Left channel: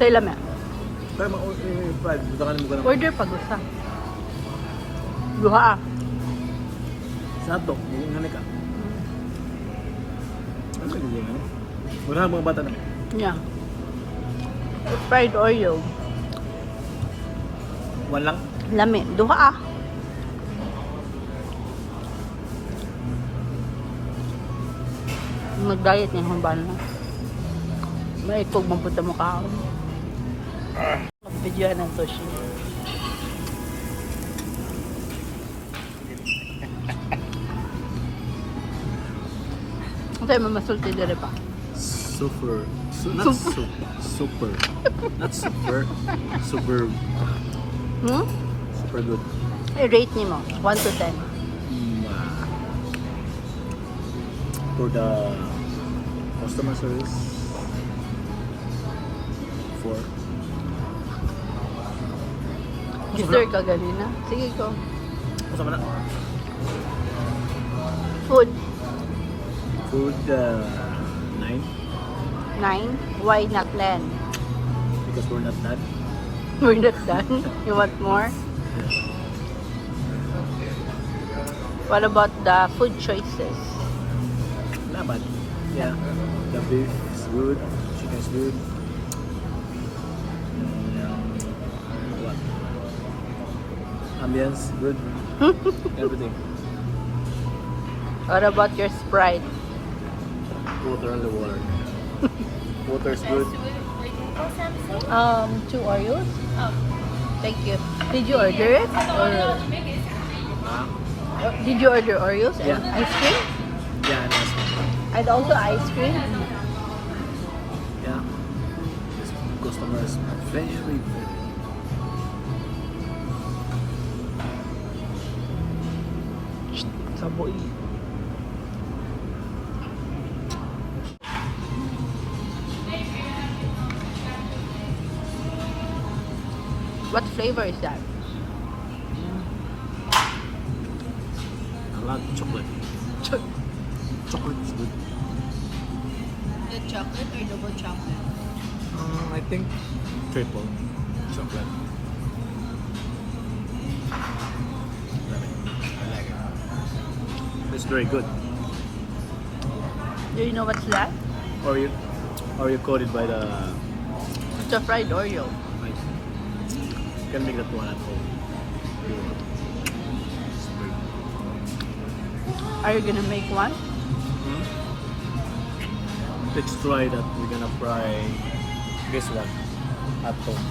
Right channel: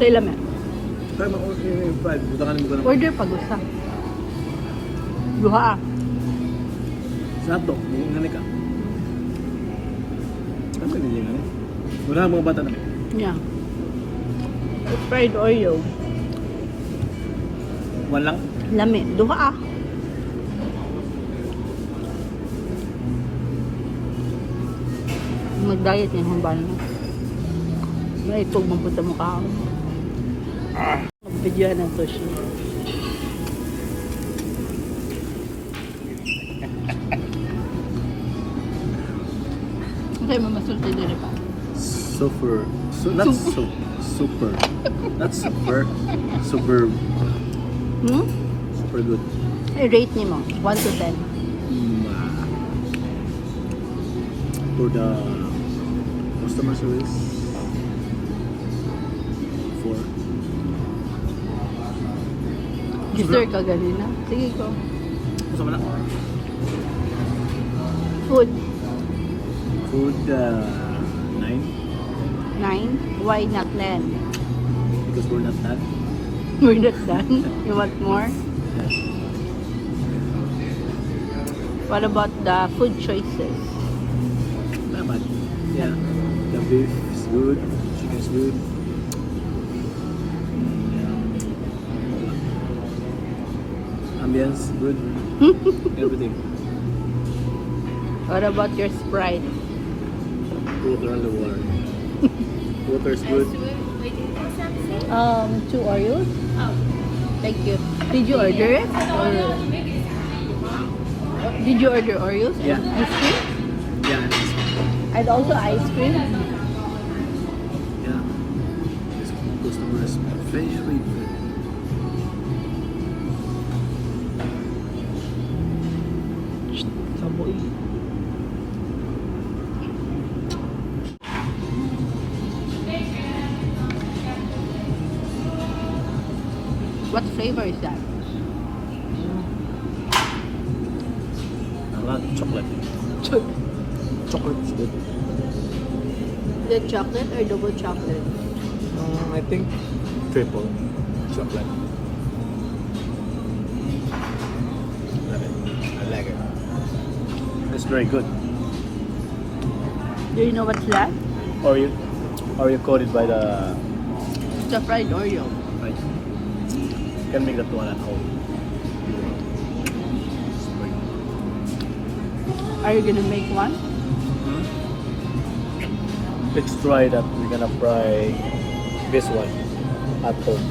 Sa ilamin. Kaya mag-fried. Butakan mo ka naman. Order pag gusto. Duha ah. Sa hotdog, yung nganik ka. Ano yung nganik? Wala mga bata naman. Yeah. Fried Oreo. One lang. Lami. Duha ah. Mag-diet niya kung paano. May itog mapunta mo ka. Mag-video ng to siya. Tayo mamasulti dali pa. Super. Not super. Not super. Super. Hmm? Super good. I-rate niyo mo. 1 to 10. For the customer service, 4. Gister ka ganina. Sige ko. Masa mana? Food. Food, 9. 9. Why not 10? Because we're not done. We're not done. You want more? Yeah. What about the food choices? Not bad. Yeah. The beef is good. Chicken is good. What? Ambience good. Everything. What about your Sprite? Water on the water. Water is good. 2 Oreos? Oh, thank you. Did you order it? Or did you order Oreos? Yeah. Ice cream? Yeah, and ice cream. And also ice cream? Yeah. This customer is very good. Saboy. What flavor is that? I like chocolate. Chocolate is good. The chocolate or double chocolate? I think triple chocolate. I like it. It's very good. Do you know what's that? Or you coated by the It's a fried Oreo. right. You can make that one at home. If you want. Very good. Are you gonna make one? Let's try that. We're gonna fry this one at home.